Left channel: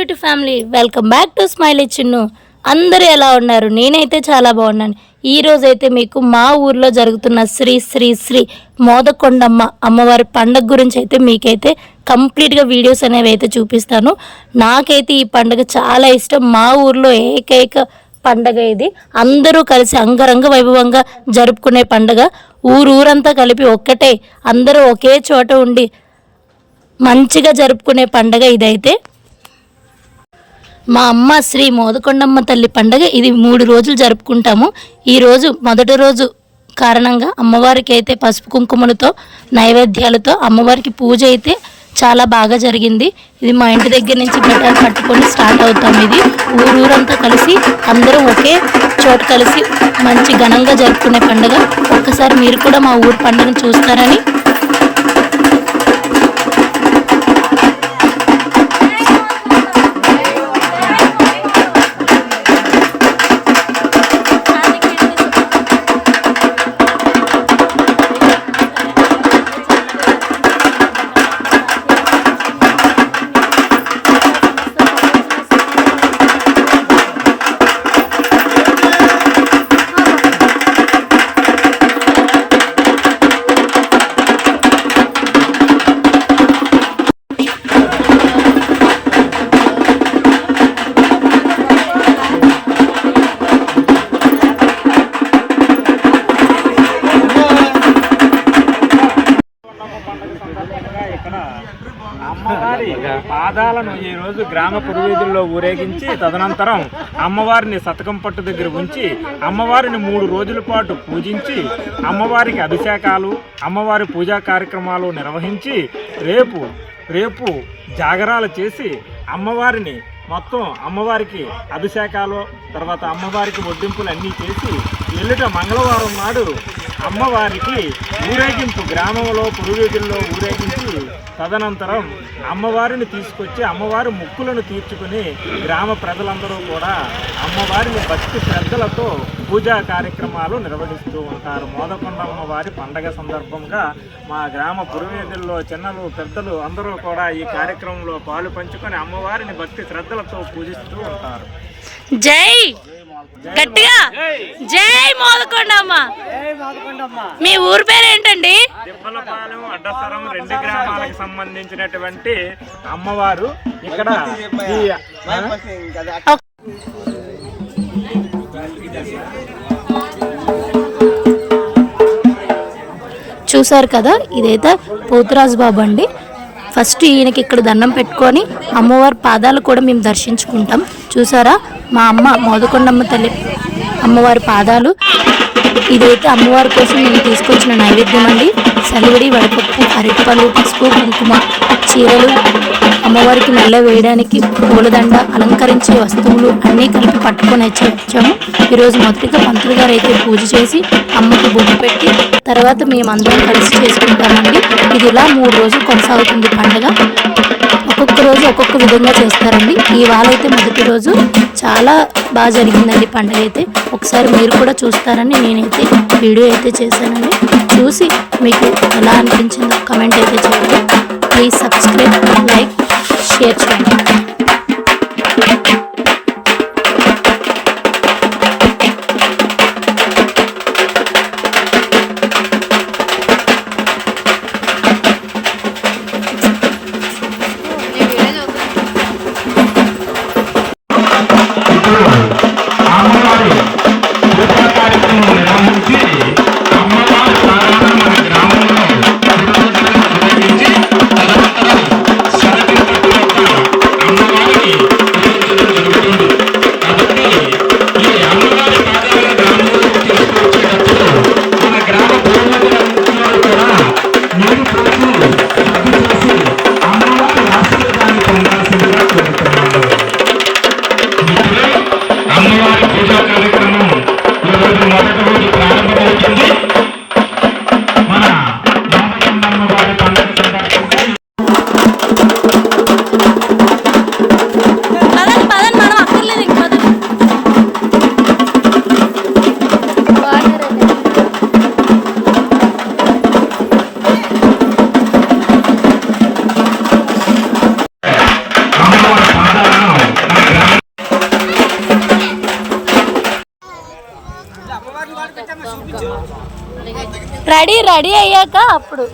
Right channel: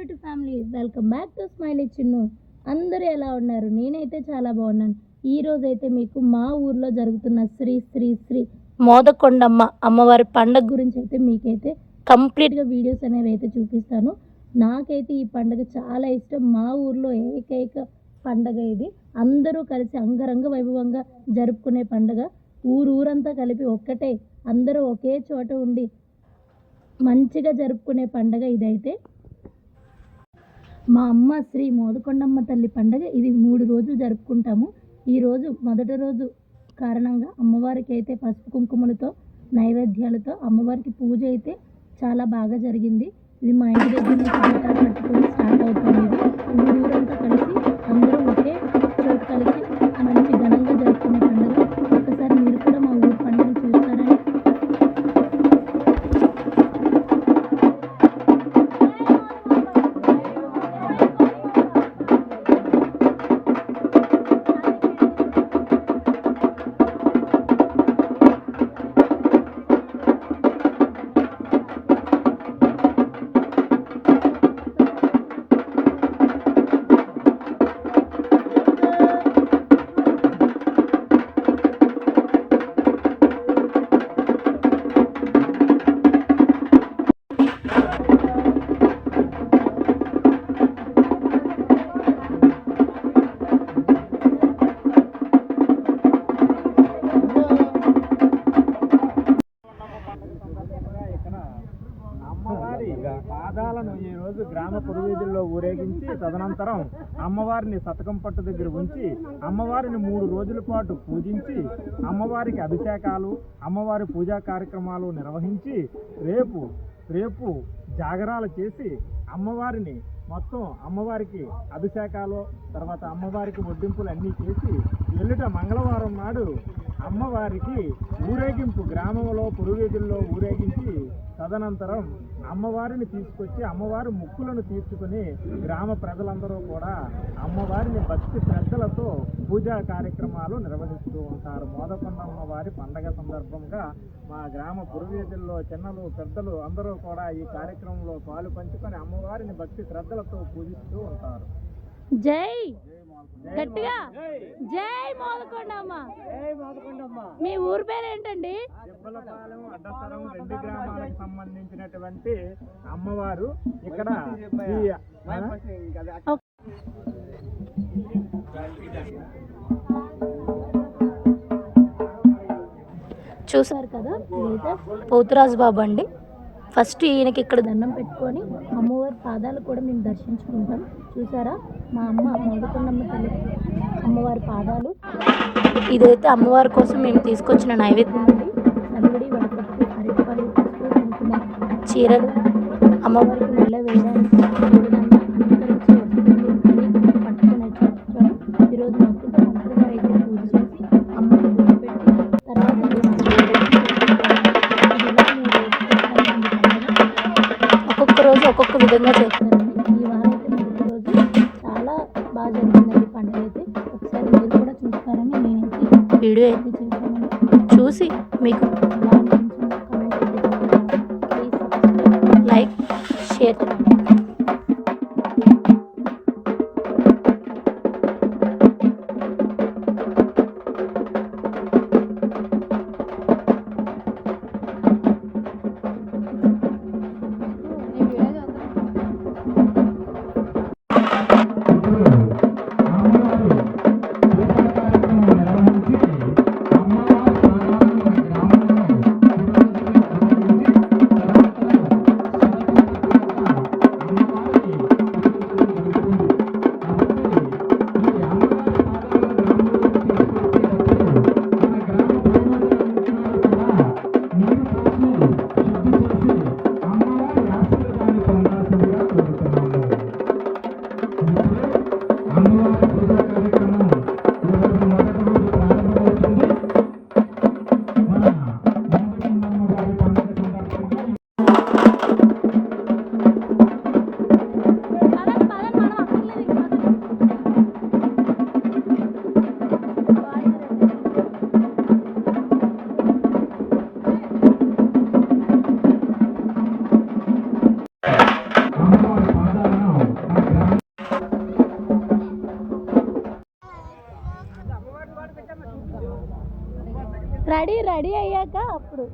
YouTube family, welcome back to smiley Chinnu. అందరూ ఎలా ఉన్నారు? నేనైతే చాలా బాగున్నాను. ఈ రోజు అయితే మీకు మా ఊర్లో జరుగుతున్న శ్రీ శ్రీ శ్రీ మోదకొండమ్మ అమ్మవారి పండుగ గురించి అయితే మీకైతే కంప్లీట్గా వీడియోస్ అనేవి అయితే చూపిస్తాను. నాకైతే ఈ పండుగ చాలా ఇష్టం. మా ఊర్లో ఏకైక పండగ ఇది. అందరూ కలిసి అంగరంగ వైభవంగా జరుపుకునే పండుగ. ఊరంతా కలిపి ఒక్కటే అందరూ ఒకే చోట ఉండి మంచిగా జరుపుకునే పండగ ఇదైతే. మా అమ్మ శ్రీ మోదకొండమ్మ తల్లి పండగ ఇది 3 రోజులు జరుపుకుంటాము. ఈరోజు మొదటి రోజు కారణంగా అమ్మవారికి అయితే పసుపు కుంకుమలతో నైవేద్యాలతో అమ్మవారికి పూజ అయితే చాలా బాగా జరిగింది. ఇది మా ఇంటి దగ్గర నుంచి బెటర్ పట్టుకొని స్టార్ట్ అవుతాం. ఇది ఊరంతా కలిసి అందరూ ఒకే చోటు కలిసి మంచి ఘనంగా జరుపుకునే పండుగ. ఒక్కసారి మీరు కూడా మా ఊరు పండుగను చూస్తారని అమ్మవారి పాదాలను ఈ రోజు గ్రామ పురవీధుల్లో ఊరేగించి తదనంతరం అమ్మవారిని సతకం పట్టు దగ్గర ఉంచి అమ్మవారిని 3 రోజుల పాటు పూజించి అమ్మవారికి అభిషేకాలు అమ్మవారి పూజా కార్యక్రమాలు నిర్వహించి రేపు జాగరాలు చేసి అమ్మవారిని మొత్తం అమ్మవారికి అభిషేకాలు తర్వాత అమ్మవారికి వడ్డింపులు అన్నీ చేసి ఎల్లుట మంగళవారం నాడు అమ్మవారికి ఊరేగింపు గ్రామంలో పురువీధుల్లో ఊరేగించి తదనంతరం అమ్మవారిని తీసుకొచ్చి అమ్మవారి మొక్కులను తీర్చుకుని గ్రామ ప్రజలందరూ కూడా అమ్మవారిని భక్తి శ్రద్ధలతో పూజా కార్యక్రమాలు నిర్వహిస్తూ ఉంటారు. మోదకొండ అమ్మవారి పండగ సందర్భంగా మా గ్రామ పురువీధుల్లో చిన్నలు పెద్దలు అందరూ కూడా ఈ కార్యక్రమంలో పాలు పంచుకొని అమ్మవారిని భక్తి శ్రద్ధలతో పూజిస్తూ ఉంటారు. జై గట్టిగా జై మోదకొండమ్మ. మీ ఊరు పేరు ఏంటండి? తిప్పలపాలెం, అడ్డసరం 2 గ్రామాలకు సంబంధించినటువంటి అమ్మవారు. ఇక్కడ చూసారు కదా, ఇదైతే పోతురాజు బాబు అండి. ఫస్ట్ ఈయనకి ఇక్కడ దండం పెట్టుకొని అమ్మవారి పాదాలు కూడా మేము దర్శించుకుంటాం. చూసారా, మా అమ్మ మోదకొండమ్మ తల్లి అమ్మవారి పాదాలు. ఇదైతే అమ్మవారి కోసం నేను తీసుకొచ్చిన నైవేద్యం అండి. సలివిడి, వడపప్పు, అరటిపళ్ళు, పసుపు, కుంకుమ, చీరలు, అమ్మవారికి మెల్ల వేయడానికి పూలదండ, అలంకరించే వస్తువులు అన్నీ కలిపి పట్టుకొని వచ్చాము. ఈరోజు మొదటిగా మంత్రులు గారు అయితే పూజ చేసి అమ్మకి బొట్టు పెట్టి తర్వాత మేమందరం కలిసి చేసుకుంటామండి. ఇది ఇలా 3 రోజులు కొనసాగుతుంది పండుగ. ఒక్కొక్క రోజు ఒక్కొక్క విధంగా చేస్తారండి. ఇవాళ అయితే మొదటి రోజు చాలా బాగా జరిగిందండి పండుగ అయితే. ఒకసారి మీరు కూడా చూస్తారని నేనైతే వీడియో అయితే చేశానండి. చూసి మీకు ఎలా అనిపించిందో కమెంట్ అయితే చెప్పండి. ప్లీజ్ సబ్స్క్రైబ్, లైక్, షేర్ చేయండి. కార్యక్రమం నిర్వహించి అమ్మవారి సాధారణ మన గ్రామంలో రెడీ అయ్యాక అప్పుడు